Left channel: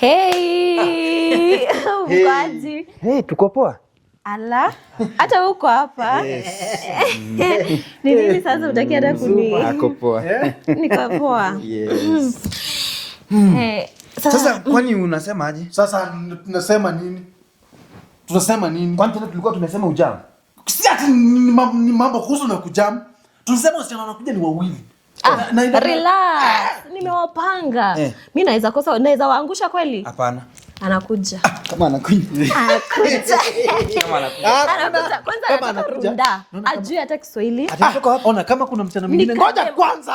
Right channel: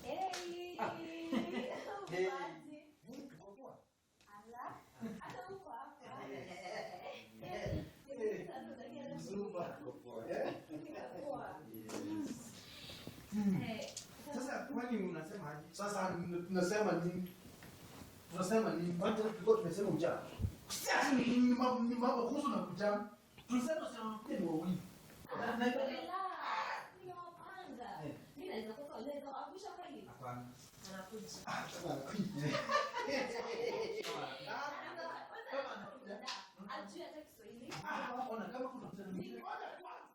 Hey. Mkwaji. Hey, tuko poa. Ala. Hata uko hapa. Yes. Ni nini sasa utaki hata kuni? Ako poa. Niko poa. Yes. Hey. Sasa kwani unasema aje? Sasa tunasema nini? Tunasema nini? Kwani tena tulikuwa tumesema ujam? Si ati ni mambo kuhusu na kujam. Tunasema wasichana wanakuja ni wawili. Relax. Nimewapanga. Mimi naweza waangusha kweli? Hapana. Anakuja. Kama anakuja. Anakuja. Kwanza anakuja. Ajui hata Kiswahili. Ona kama kuna msichana mwingine. Ngoja kwanza.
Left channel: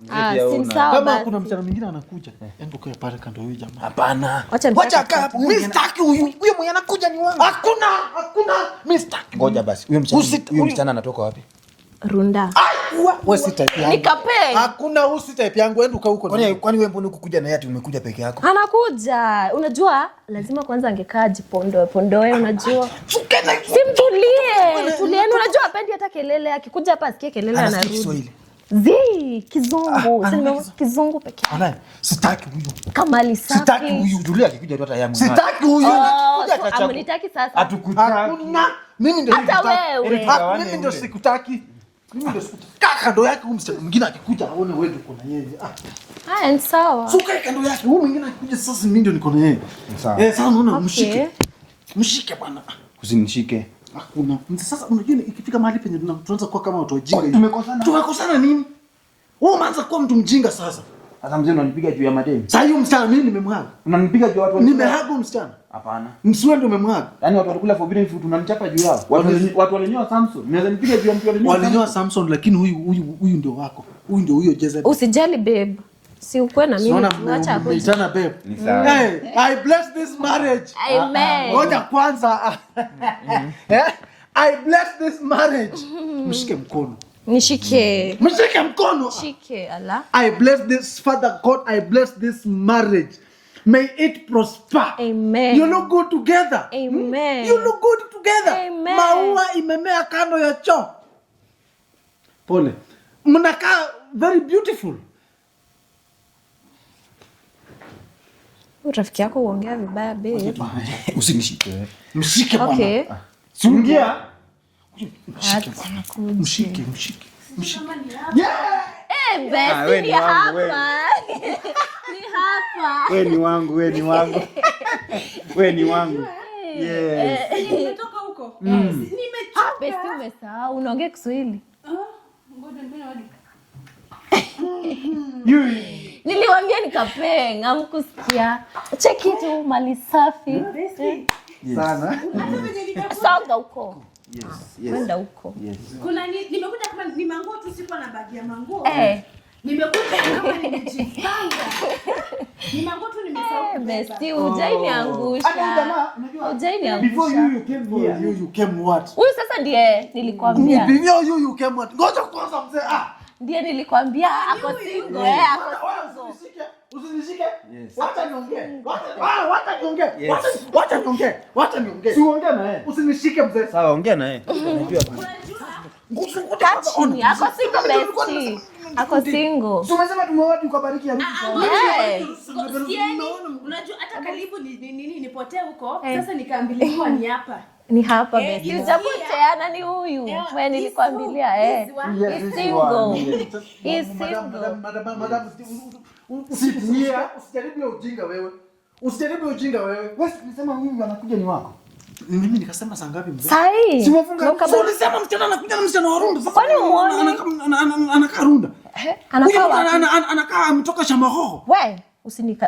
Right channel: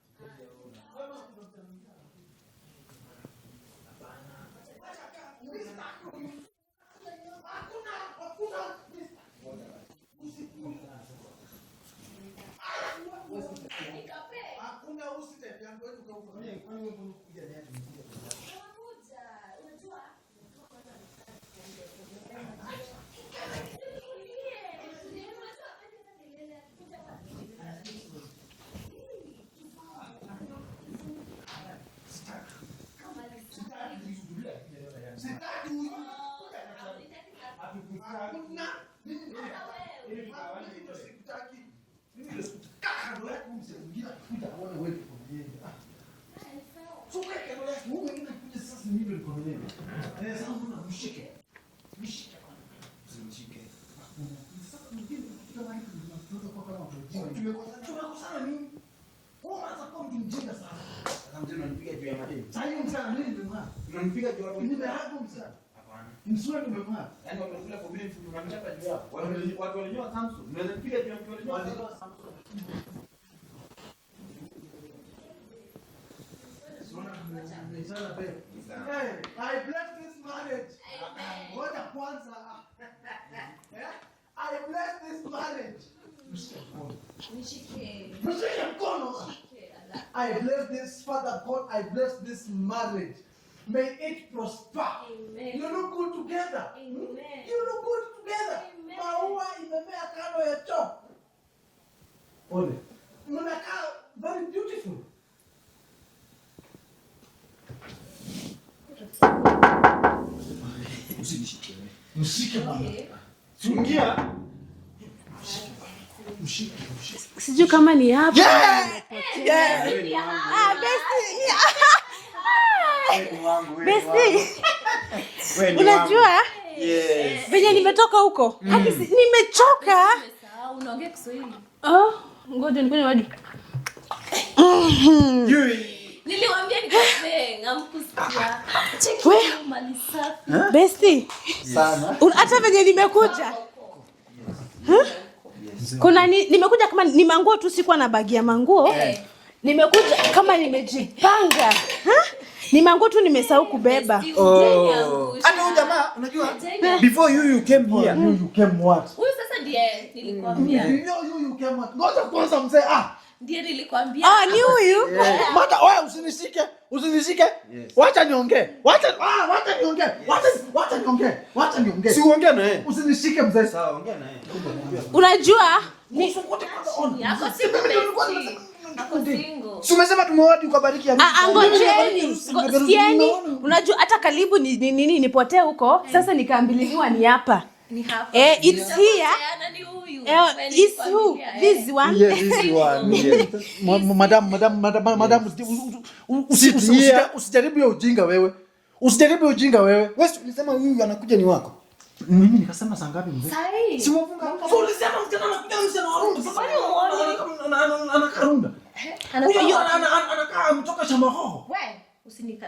Si sawa kama basi. kuna msichana mwingine anakuja. Hebu kwa pale kando huyu jamaa. Hapana. Wacha kaa hapo. Mimi sitaki huyu mwenye anakuja ni wangu. Hakuna. Mimi sitaki. Ngoja basi. Huyo msichana anatoka wapi? Runda. Wewe si type yangu. Nikape. Hakuna usi type yangu, enda uka huko. Kwani wewe mbona ukukuja na yeye ati umekuja peke yako? Anakuja. Unajua lazima kwanza angekaa jipondoe unajua. Simtulie. Tulieni unajua hapendi hata kelele. Akikuja hapa asikie kelele anarudi. Kizungu. Sema kizungu peke yake. Ana, sitaki huyu. Kama safi. Sitaki huyu. Julia akikuja tu hata yangu. Sitaki huyu. Anakuja atachapu. Amunitaki sasa. Atukutaki. Mimi ndio sikutaki. Mimi ndio sikutaki. Mimi ndio sikutaki. Kando yake huyu msichana mwingine akikuja aone wewe uko na yeye. Ni sawa. Suka kando yake huyu mwingine akikuja sasa mimi ndio niko na yeye. Sawa. Sasa unaona mshike. Mshike bwana. Usinishike. Hakuna. Sasa unajua ikifika mahali penye tunaanza kuwa kama watu wajinga. Tumekosana nini? Wewe umeanza kuwa mtu mjinga sasa. Sasa mzee unanipiga juu ya madeni. Sasa hiyo msichana mimi nimemwaga. Unanipiga juu ya watu. Nimehaga msichana. Hapana. Msiwe ndio umemwaga. Yaani watu walikula forbidden fruit unanichapa juu yao. Watu walinyoa Samson. Naweza nipiga juu ya mtu walinyoa Samson lakini huyu ndio wako. Huyu Jezebel. Usijali babe. Si ukwe na mimi. Acha kuitana babe. Hey, I bless this marriage. Amen. Ngoja kwanza. I bless this marriage. Mshike mkono. Nishike. Mshike mkono. Shike ala. I bless this Father God. I bless this marriage. May it prosper. Amen. You look good together. Amen. You look good together. Amen. Maua imemea kando ya choo. Pole. Mnakaa very beautiful. Rafiki yako mbaya babe. Usinishike. Mshike bwana. Okay. Sungia. Mshike. Sijui kama ni hapa. Wewe ni wangu. Wewe ni wangu. Unajua? Yes. Penye nimetoka huko. Nimechoka. Umesahau unaongea Kiswahili. Ngoja nifanye wadi. Niliwaambia nikapenga hamkusikia. Cheki tu mali safi. Besti. Sana. Hata venye nimekuja. Samba huko. Yes. Huko. Kuna nimekuja kama ni manguo tu sikuwa na bagi ya manguo. Nimekuja kama nimejipanga. Ni manguo tu nimesahau kubeba. Ujaniangusha. Hata jamaa unajua before you came here, you came what? Huyu sasa ndiye nilikwambia. Before you came what? Ngoja kwanza mzee Ndiye nilikwambia. Ni huyu. Bata wewe usinishike. Wacha niongee. Wacha niongee. Si uongea na yeye. Usinishike mzee. Sawa, ongea na yeye. Unajua? Ako single bestie. Ako single. Si umesema tumewadi ukabariki ya Ngojeni. Sieni. Unajua hata karibu ni nipotee huko. Sasa nikaambiliwa ni hapa. Ni hapa. Ilisikia ni huyu. This one. Yes. Madam usijaribu hiyo ujinga wewe. Wewe ulisema huyu anakuja ni wako. Mimi nikasema saa ngapi mzee? Sai. Si wafunga. Ulisema msichana anakuja na msichana wa Runda. Kwani muone? Anakaa Runda. Anakaa ametoka shamba hoho. Wewe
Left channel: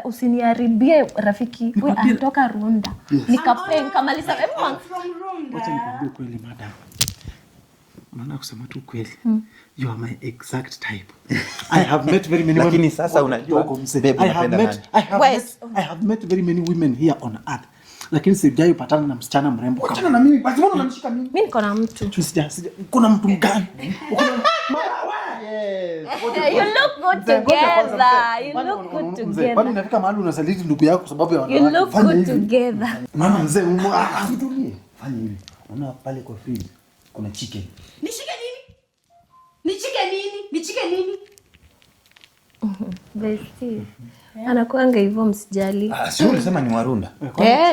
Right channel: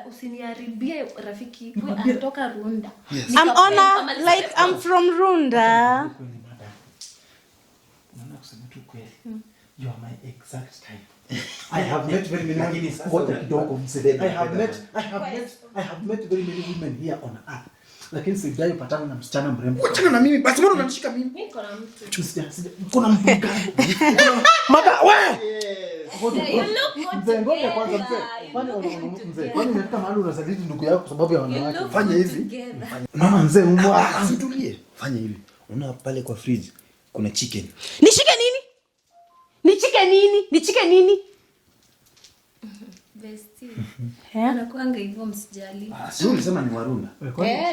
usiniharibie rafiki. Wewe anatoka Runda. I'm from Runda. Kweli madam. Maana kusema tu kweli. You are my exact type. I have met very many women. Lakini sasa unajua I have met very many women here on earth. Lakini sijai patana na msichana mrembo. Patana na mimi. Basi mbona unanishika mimi? Mimi niko na mtu. Sija. Kuna mtu gani? Mada wewe. You look good together. Kwani unafika mahali unasaliti ndugu yako kwa sababu ya wanawake? Fanya hivi. Mama mzee, tulie. Fanya hivi. Una pale kwa fridge kuna chicken. Nishike nini? Bestie. Anakuanga hivyo msijali. Sio ulisema ni Warunda.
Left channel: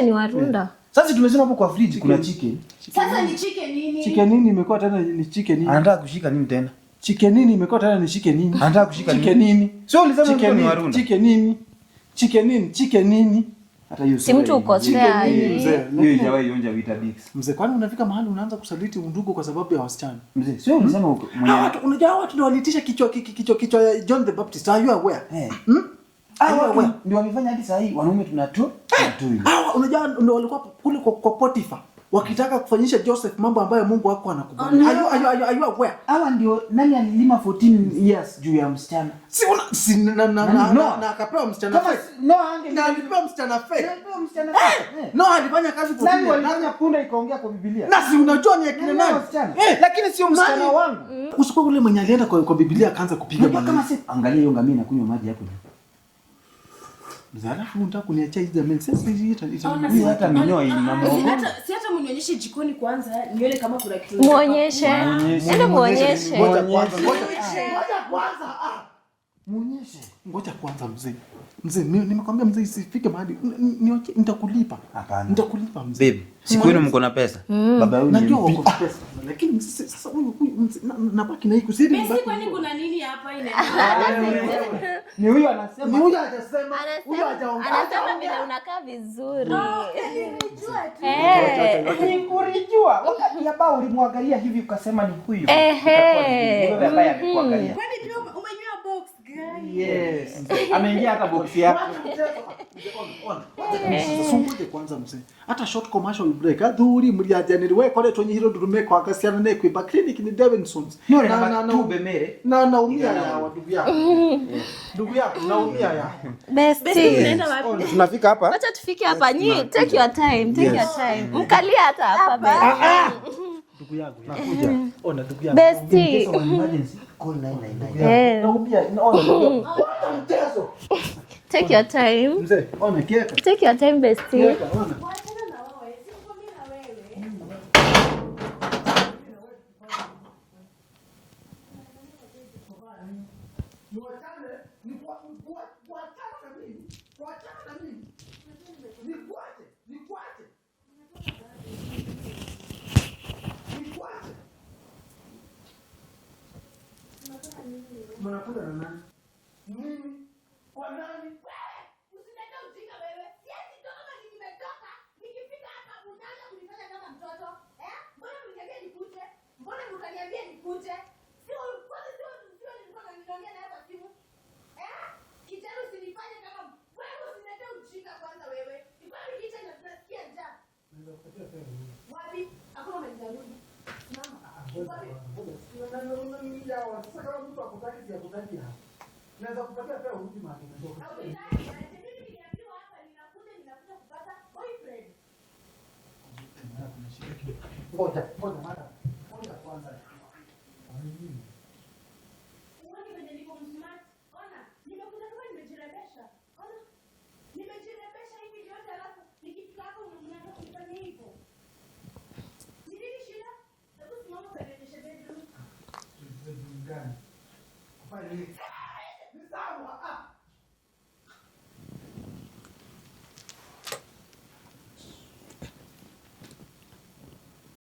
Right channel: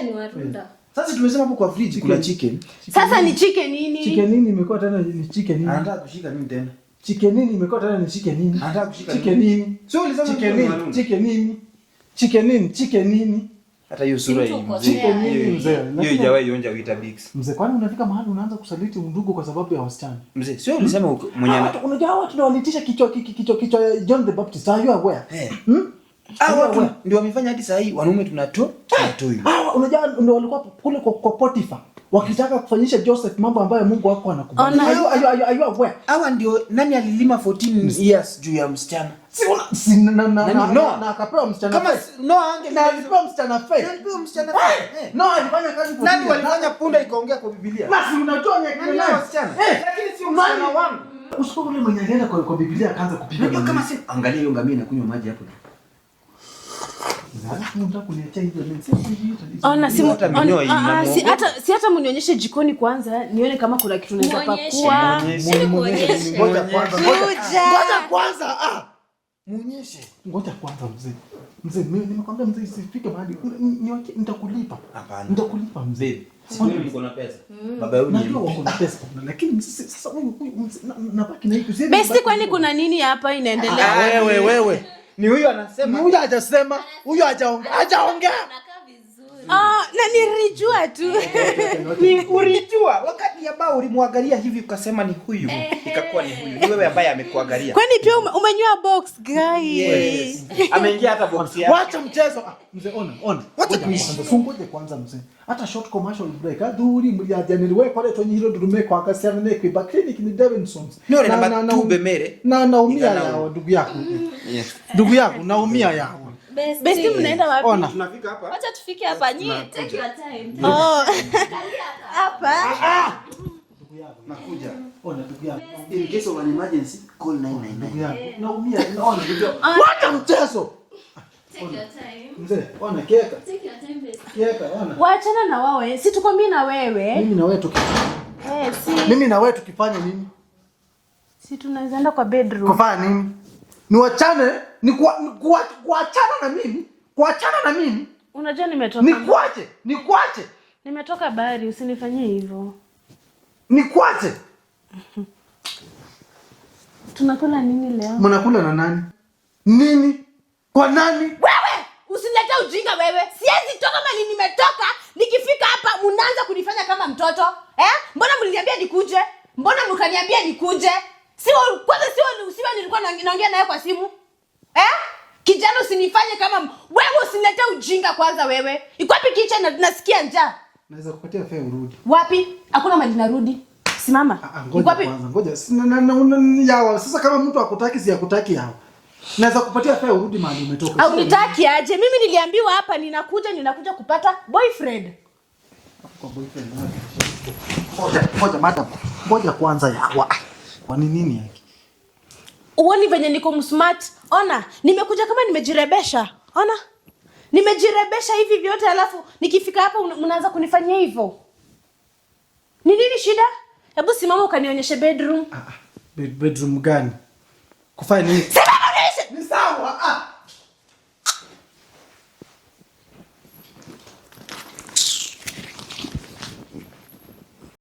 Ni Warunda. Sasa tumesema hapo kwa fridge kuna chicken. Sasa ni chicken nini? Chicken nini imekuwa tena ni chicken nini? Anataka kushika nini tena? Chicken nini imekuwa tena ni chicken nini? Anataka kushika chicken nini? Sio ulisema ni Warunda. Chicken nini? Chicken nini? Chicken nini? Hata hiyo sura hiyo ijawahi ionja Weetabix. Mzee, kwani unafika mahali unaanza kusaliti undugu kwa sababu ya wasichana? Mzee, sio ulisema mwenye unajua watu ndio walitisha kichwa John the Baptist. Are you aware? Watu ndio wamefanya hadi saa hii wanaume tunatoi. Unajua ndio walikuwa kule kwa Potiphar wakitaka kufanyisha Joseph mambo ambayo Mungu wako anakubali. Are you aware? Hawa ndio nani alilima 14 years juu ya msichana? Na akapewa msichana. Kama alipewa msichana fake. Alifanya kazi kwa nani walifanya punda ikaongea kwa Biblia? Basi unajua ni akina nani msichana? Lakini sio msichana wangu. Usipo ule mwenye alienda kwa Biblia akaanza kupiga mama. Kama si angalia hiyo ngamia inakunywa maji hapo. Alafu unataka kuniachia hizo mimi sasa hivi hata mnionyeshe jikoni kwanza nione kama kuna kitu muonyeshe. Ngoja kwanza mzee nimekwambia mzee isifike mahali nitakulipa. Hapana. Nitakulipa mzee. Babe, siku ile mko na pesa. Baba yule najua wako na pesa. Lakini sasa huyu nabaki na hiyo. Basi kwani kuna nini hapa inaendelea? Wewe. Ni huyo anasema. Huyo hajasema. Huyo hajaongea. Unakaa vizuri. Na nilijua tu. Ni ulijua wakati ambao ulimwangalia hivi ukasema ni huyu. Ikakuwa ni wewe ambaye amekuangalia. Kwani pia umenywa box guy? Yes. Ameingia hata box yake. Wacha mchezo. Mzee ona. Wacha tusungoje kwanza mzee. Hata short commercial break. Adhuri mliajaniriwe kwa leto nyiro durumeko akasiana ne kwa clinic ni Davidsons. Ndio na tube mere. Na naumia ya ndugu yako. Ndugu yako naumia ya. Basi unaenda wapi? Ona tunafika hapa. Wacha tufike hapa nyinyi. Take your time. Kalia hata hapa. Ndugu yangu nakuja. Ona ndugu yangu. Bestie. Case of emergency call 999. Naumia. Ona. Wacha mchezo. Take your time. Mzee, ona keka. Take your time bestie. Keka, ona. Waachana na wewe. Si tukwambie na wewe. Mimi na wewe tukifanya. Mimi na wewe tukifanya nini? Si tunaweza enda kwa bedroom. Kufanya nini? Niwachane, kuachana na mimi. Kuachana na mimi. Unajua nimetoka. Nikwache. Nimetoka bari, usinifanyie hivyo. Nikwache. Tunakula nini leo? Mnakula na nani? Nini? Kwa nani? Wewe, usilete ujinga wewe. Siwezi toka mali nimetoka, nikifika hapa mnaanza kunifanya kama mtoto. Mbona mliniambia nikuje? Mbona mkaniambia nikuje? Sio nilikuwa naongea naye kwa simu. Kijana usinifanye kama wewe, usilete ujinga kwanza wewe. Iko wapi kitchen na nasikia njaa? Naweza kupatia fare urudi. Wapi? Hakuna mali narudi. Simama. Iko wapi? Ngoja. Yawa sasa kama mtu akutaki si akutaki hao. Naweza kupatia fare urudi mahali umetoka. Au nitaki aje? Mimi niliambiwa hapa ninakuja kupata boyfriend. Kwa boyfriend wake. Ngoja madam. Ngoja kwanza yawa. Kwa nini yake? Uoni venye niko msmart? Ona, nimekuja kama nimejirebesha. Ona? Nimejirebesha hivi vyote alafu nikifika hapa mnaanza kunifanyia hivyo. Ni nini shida? Hebu simama ukanionyeshe bedroom. Bedroom gani? Kufanya nini? Simama nionyeshe. Ni sawa.